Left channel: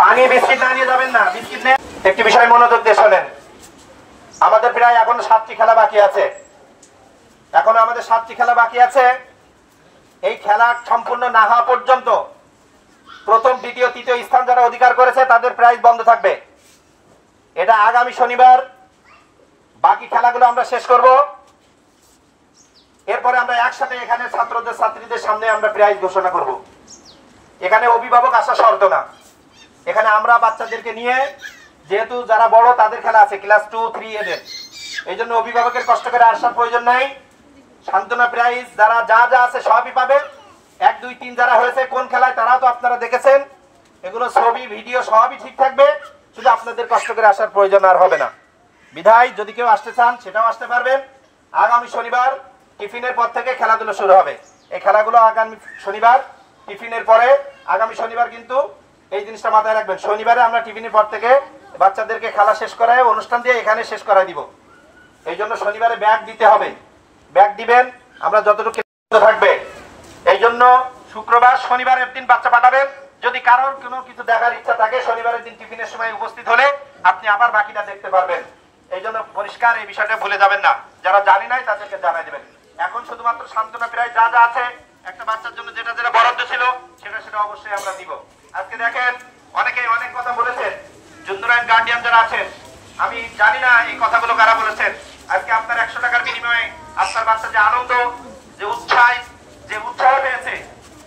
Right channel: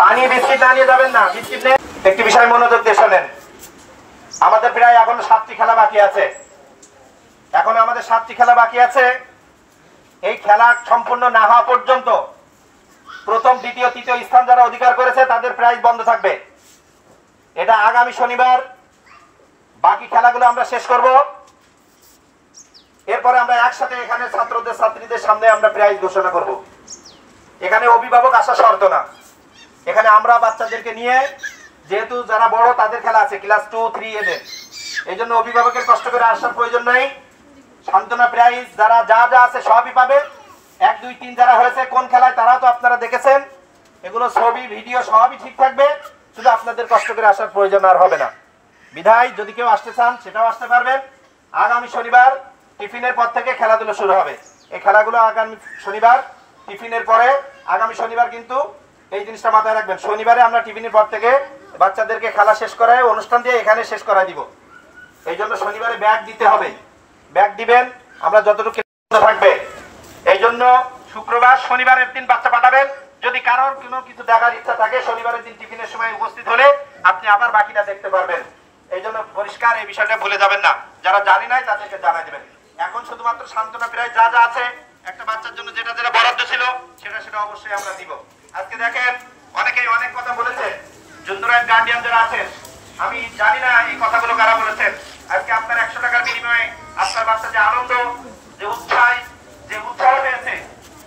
পানি বিস্কিট না নিয়ে যাবেন না, বিস্কিট নিয়ে একটি বিষয় মনোযোগ দিয়ে শোনেন। আমাদের প্রায় এখনো 7টি খেলা বাকি আছে, এখনো আমাদের 7টি খেলা বাকি আছে। এই খেলা সম্পূর্ণ না হওয়া পর্যন্ত প্রথম, দ্বিতীয়, তৃতীয় স্থান যারা অধিকার করেছে তাদের প্রাইজ বন্ধ থাকবে। এটা আগামী শনিবার বাকি খেলাগুলো আমরা শেষ করব। এরপরে আমরা একসাথে এখানে ছাত্রদের ছাত্রীদের সামনে আমরা প্রাইজ ঘোষণা করব। এখানে অভিভাবক আসা শর্ত না, এখানে আমরা বাচ্চাদেরকে নিয়ে, যেহেতু যারা বড় তাদের খেলা আছে ক্লাস 2, 3 এদের, এই জন্য অভিভাবকের কষ্ট করে আসার প্রয়োজন নাই। সান্ত্বনা প্রাইজ যারা যা যা আছে সবই পাবে। 1, 2, 3 যারা হয়েছে কোন খেলায় তারাও তো আপনারা দেখেছেন, এগুলো ছবি ভিডিও সবই ঠিক থাকবে, শুধু আপনাদের কষ্ট করে আসার প্রয়োজন আর হবে না। বিধায় যদি কেউ আসতে চান সেটাও আসতে পারবেন। আগামী শনিবার টিফিনের পর থেকে খেলাধুলা শুরু হবে। এই খেলাগুলো আগামী শনিবার টিফিনের পরে, আগামী শনিবার কিন্তু এই জিনিসটা মাথায় রাখবেন, শনিবারে আমরা টিফিনের পর থেকে বাচ্চাদেরকে খেলা শেষ করায় অনুষ্ঠান দিয়ে এখানে শেষ করাই দিব। এই জন্য শনিবারে ব্যাগ দিতে হবে, ব্যাগ দিবেন, আমরা যতটুকু থাকবে। এই জন্য শুক্রবার শনিবারের দিন বাচ্চা পাঠাবেন। যদি কারোর কোনো কিছু দেখার ইচ্ছা থাকে শনিবারের দিন টিফিনের সময় উপস্থিত হলে আপনি আবার বাকিটা দেখতে পারবেন। এই জন্য পরিষ্কার এই বিষয়টা ভুলে যাবেন না, যারা জানি নাই তাদেরকে জানাই দেবেন। এখন শুধুমাত্র সান্ত্বনা প্রায় যা যা আছে, একটা বাচ্চার জন্য যেটা যেটা বরাদ্দ ছিল সেটা অবশ্যই আমরা দিব। আজকে দেখেন অনেকেই অনেক কথা বলেছেন, জুন্দুরাইন গার্ডিয়ান যারা আছেন, আমি জানি না এই কথাগুলো কারা বলেছেন। আজকে আপনার 100 টাকার বিনিময়ে আপনার বাচ্চা যে আনন্দ, যে উৎসাহ পেয়েছে,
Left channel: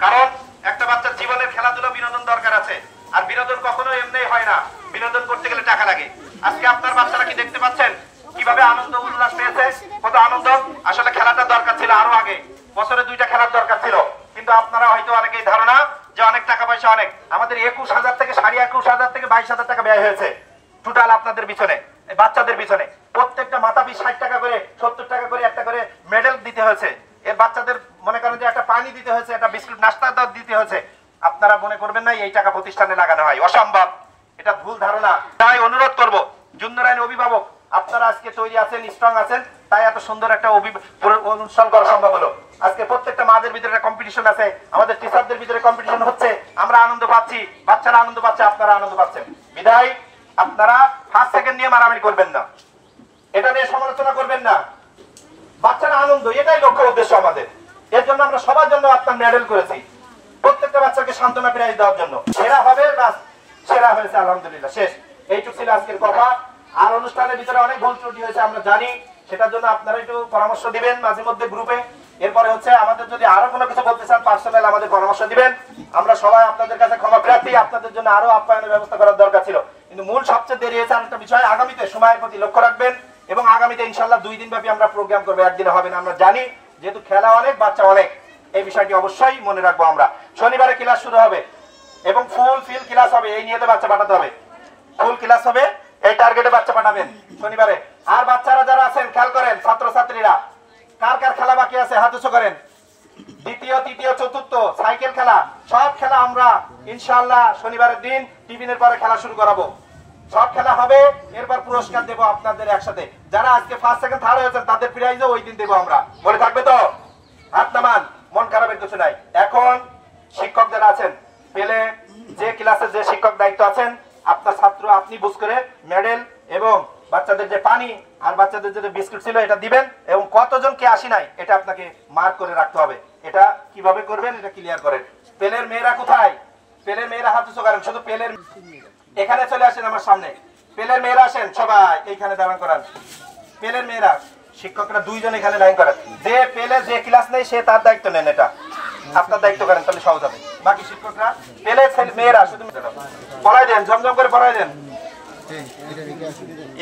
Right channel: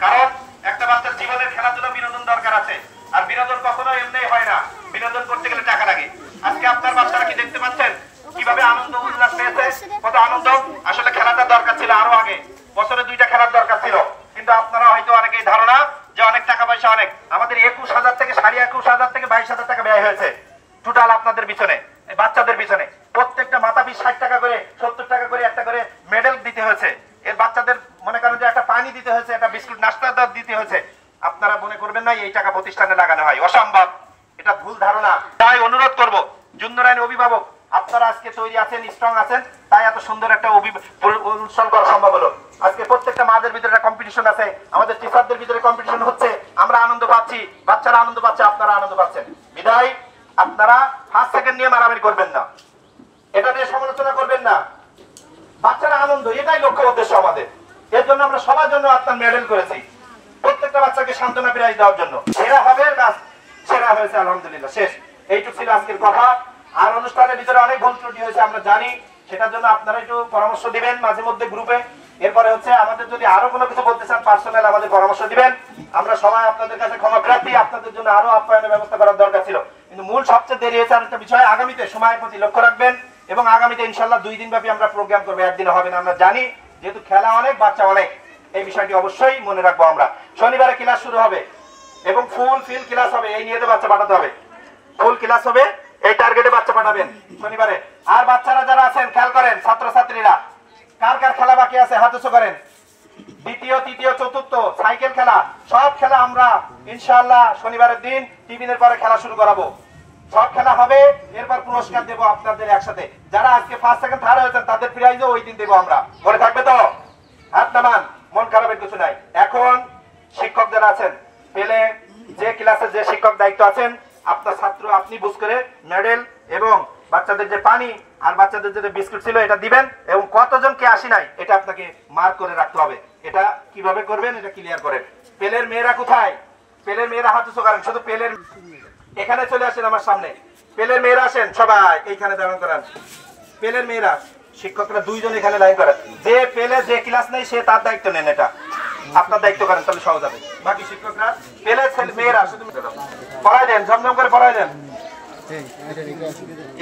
কারণ একটা বাচ্চার জীবনের খেলাধুলা বিনোদন দরকার আছে, আর বিনোদন কখনো এমনি হয় না, বিনোদন করতে গেলে টাকা লাগে। আজকে আপনার বাচ্চারা কি দেখতে পাচ্ছেন কিভাবে আনন্দ উল্লাস পেয়েছে, কত আনন্দ। আসলে খেলাটা দরকার ছিল আরো আগে, বছরে 2টা খেলার দরকার ছিল, কিন্তু আপনারা হয়তো অনেকেই ধারণা যে অনেক টাকা পয়সা, অনেক আমাদের 21,000 থেকে 21,500 থেকে 22,000 টাকা ব্যয় হয়েছে টোটাল আপনাদের পিছনে, বাচ্চাদের পিছনে। প্রত্যেকটা মাথা পিছু 60 টাকা করে, 70 টাকা করে একটা করে মেডেল দিতে হয়েছে। এর বাচ্চাদের মনে করেন যে একটা পানি দিতে হয়েছে, একটা বিস্কুট নাস্তা দিতে হয়েছে। আপনারা মনে করবেন না এই টাকা প্রতিষ্ঠানে লাগানো হয়, অসম্ভব, এটা ভুল ধারণা। তাই অনুরোধ করব জুন্দুরাইন অভিভাবক, আপনারা আজকে তৈরি আছেন, স্ট্রং আছেন, তাই এত সুন্দর একটা অনুষ্ঠান করা সম্ভব হলো। আজকে প্রত্যেকটা মাদের ভিতরে একটা কম্পিটিশন আছে, আমাদের টিচারদের ভিতরে কম্পিটিশন হচ্ছে, আমরা আনন্দ পাচ্ছি, বাচ্চারা আনন্দ পাচ্ছে, আপনারা আনন্দ পাচ্ছেন। বিদায় আপনারা ফার্স্ট সেকেন্ড নিয়ে মারামারি করবেন না, এটা নিয়ে সমালোচনা করবেন না। বাচ্চারা আনন্দ, এটাই লক্ষ্য উদ্দেশ্য আমাদের। এর জন্য আমরা সবার জন্য আপনার মেডেল করেছি, প্রত্যেকটা বাচ্চাকে সান্ত্বনা প্রাইজ দেওয়ার জন্য। সেরা হবে, বাস সেরা হয়েছে, আলহামদুলিল্লাহ, শেষ। এইটুকু ছিল আজকের কথা। আর অনুষ্ঠানের ভিতরে অনেক ভুল ত্রুটি হয়েছে আমরা জানি, সেটার জন্য আপনারা একটু পরামর্শ দিবেন মাঝে মধ্যে গ্রুপে। এরপরে হচ্ছে আমাদের যদি আরো কোনো কিছু বলতে চান পার্সোনাল আমাদের পরামর্শ দিবেন, আমরা সবাই আপনাদের কাছে ক্ষমা প্রার্থী। আপনাদের জন্য আরো আপ্যায়নের ব্যবস্থা করার দরকার ছিল, কিন্তু মূল সবচেয়ে দেরি হয়েছে একটা বিষয়। আগামীতে সময়ের প্রতি লক্ষ্য রাখবেন, এবং আগামীতে ইনশাল্লাহ 2 দিন ব্যাপী আমরা প্রোগ্রাম করবো, একদিনে হবে না আমরা জানি, যেহেতু খেলা অনেক, বাচ্চা অনেক, এই বিষয়টি অবশ্যই মনে রাখবো আমরা। শনিবারে ক্লাস শুরু হবে এবং ফুল ফিল ক্লাস হবে, এই নিয়ে বাচ্চা পাঠাতে হবে, ফুল ক্লাস হবে, এই টার্গেটে বাচ্চা পাঠাবেন শনিবারে। আর বাচ্চারা যারা আছেন খেয়াল করেন, ছাত্রছাত্রীরা কার কার খেলা বাকি আছে হাত উঁচু করেন। দ্বিতীয়, তৃতীয়, চতুর্থ সাইকেল খেলা, সব খেলা আমরা ইনশাআল্লাহ শনিবারের দিন টিফিনের পরে খেলা শুরু করাবো, সব খেলা হবে। এরপর পুরস্কার দেবো আপনাদের একসাথে, যারা আজকে ফার্স্ট সেকেন্ড থার্ড হয়েছেন তাদের প্রাইজও ওই দিন দেবো আমরা, বলে থাকবে তো? হাত নামান, মন খারাপের কিছু নাই। এখন শিক্ষক যারা আছেন, পেলে যে ক্লাসে যে শিক্ষক দায়িত্ব আছেন, আপনার ছাত্র আপনি বুঝ করে মেডেল এবং বাচ্চাদের যে পানি আর বাচ্চাদের যে বিস্কুট ছিল এটা দিবেন, এবং কতজন কে আসি নাই এটা আপনাকে মার্ক করে রাখতে হবে। এটা কিভাবে করবেন এটা ক্লিয়ার করেন। পেলের মেয়েরা কোথায়? পেলের মেয়েরা হাত উঁচু করেন, শুধু পেলের এখানে চলে আসেন আমার সামনে, পেলের মেয়েরা আসেন সবাই এইখানে দাঁড়ান করান। পেলের মেয়েরা শিক্ষকরা 2 জন এখানে লাইন করেন, যে পেলে যে ক্লাস নেই সে তার দায়িত্ব নেন, এটা আপনার দায়িত্ব করেন, তাহলে সহজ হবে। বাকি শিক্ষকরা পেলে মেয়েরা শুধু পড়াই দেন, ঝমঝম করে পড়াই দেন,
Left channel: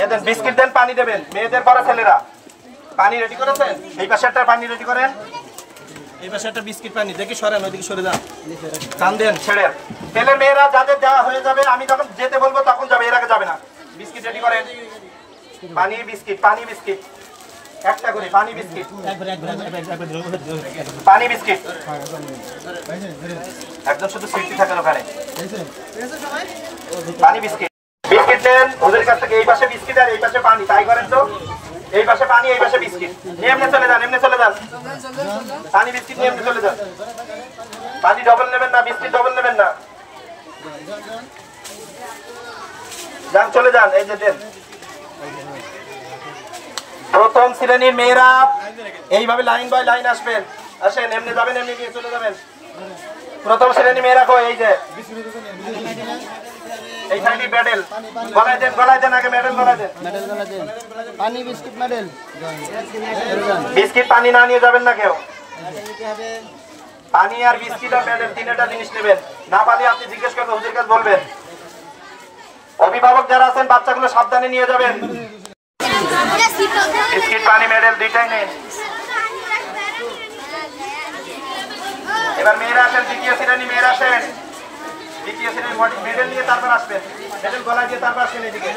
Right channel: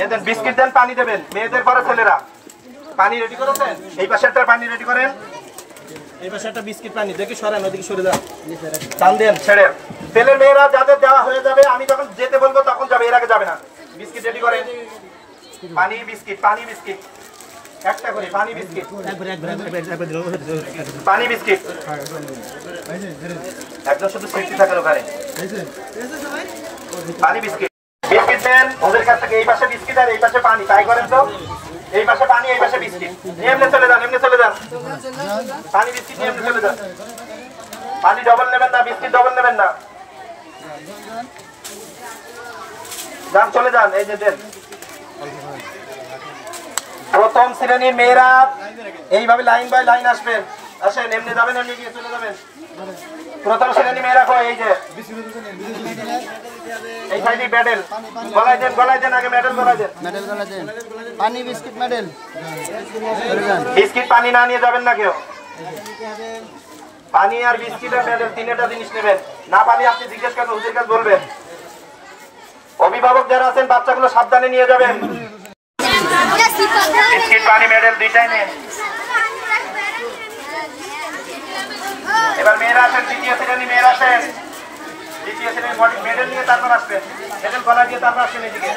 এদের বিস্কিট দেন, পানি দেবেন। মেয়েদের পড়া ছেলেরা পানি রেডি করেছেন, এই পাশে একটা পানি রেডি করেন, এই পাশে একটা বিস্কিট পানি দেখি সরেন, ওইদিকে সরে যান, টান দেন, ছেড়ে। পেলে মেয়েরা যাদের দেওয়া হয়ে যাবে, আমি যখন যেতে বলবো তখন যাবে, এর আগে যাবে না। বিস্কিট রেডি করেন, পানি বিস্কিট, পানি বিস্কিট একটা করে, পানি বিস্কিট, পানি বিস্কিট একদম শুধু সিটি থাকে ওখানে, পানি বিস্কিট, বিস্কিট দেন ওদের কাছ থেকে। এই পাশে বিস্কিট আর এই পাশে পানি, তাই করেন তো। এই পাশে পানি, এই পাশে বিস্কিট, এমনি চলে যান, এমনি চলে যান, পানি বিস্কিট এমনি চলে যান। পানি ডবল নেবেন না, বিস্কিট ডবল নেবেন না। যান, চলে যান। এই যে দেন। প্রথম শ্রেণীর মেয়েরা এইভাবে লাইন বাই লাইন আসবেন। আসেন, এমনি যাবেন, এমনি দিয়ে চলে যাবেন। প্রথম শ্রেণী মেয়েরা কই? এই যে এই সাইডে মেডেল গলায় দেন, গলায় দেন, আগে মেডেল গলায় দেন, মেডেল গলা দেন। পানি বিস্কিট মেডেল। বিস্কিট পানি না নিয়ে যাবেন না কেউ। পানি আর বিস্কিট আর মেডেল তিনটা জিনিস নেবেন। না পানি আপনি জিজ্ঞেস করবেন, হুজুরের কাছে বলবেন। অভিভাবক যারা আছেন বাচ্চাগুলো সাবধানে নিয়ে যাবেন। বিস্কিট পানি মেডেল দুইটাই নেন। এবার মেয়েরা আসেন, দ্বিতীয় শ্রেণী মেয়েরা আসেন। দ্বিতীয় শ্রেণীর মেডেল নিয়ে তারপর আসবেন। মেডেল গলায় দিয়ে তারপর আসবেন এদিকে।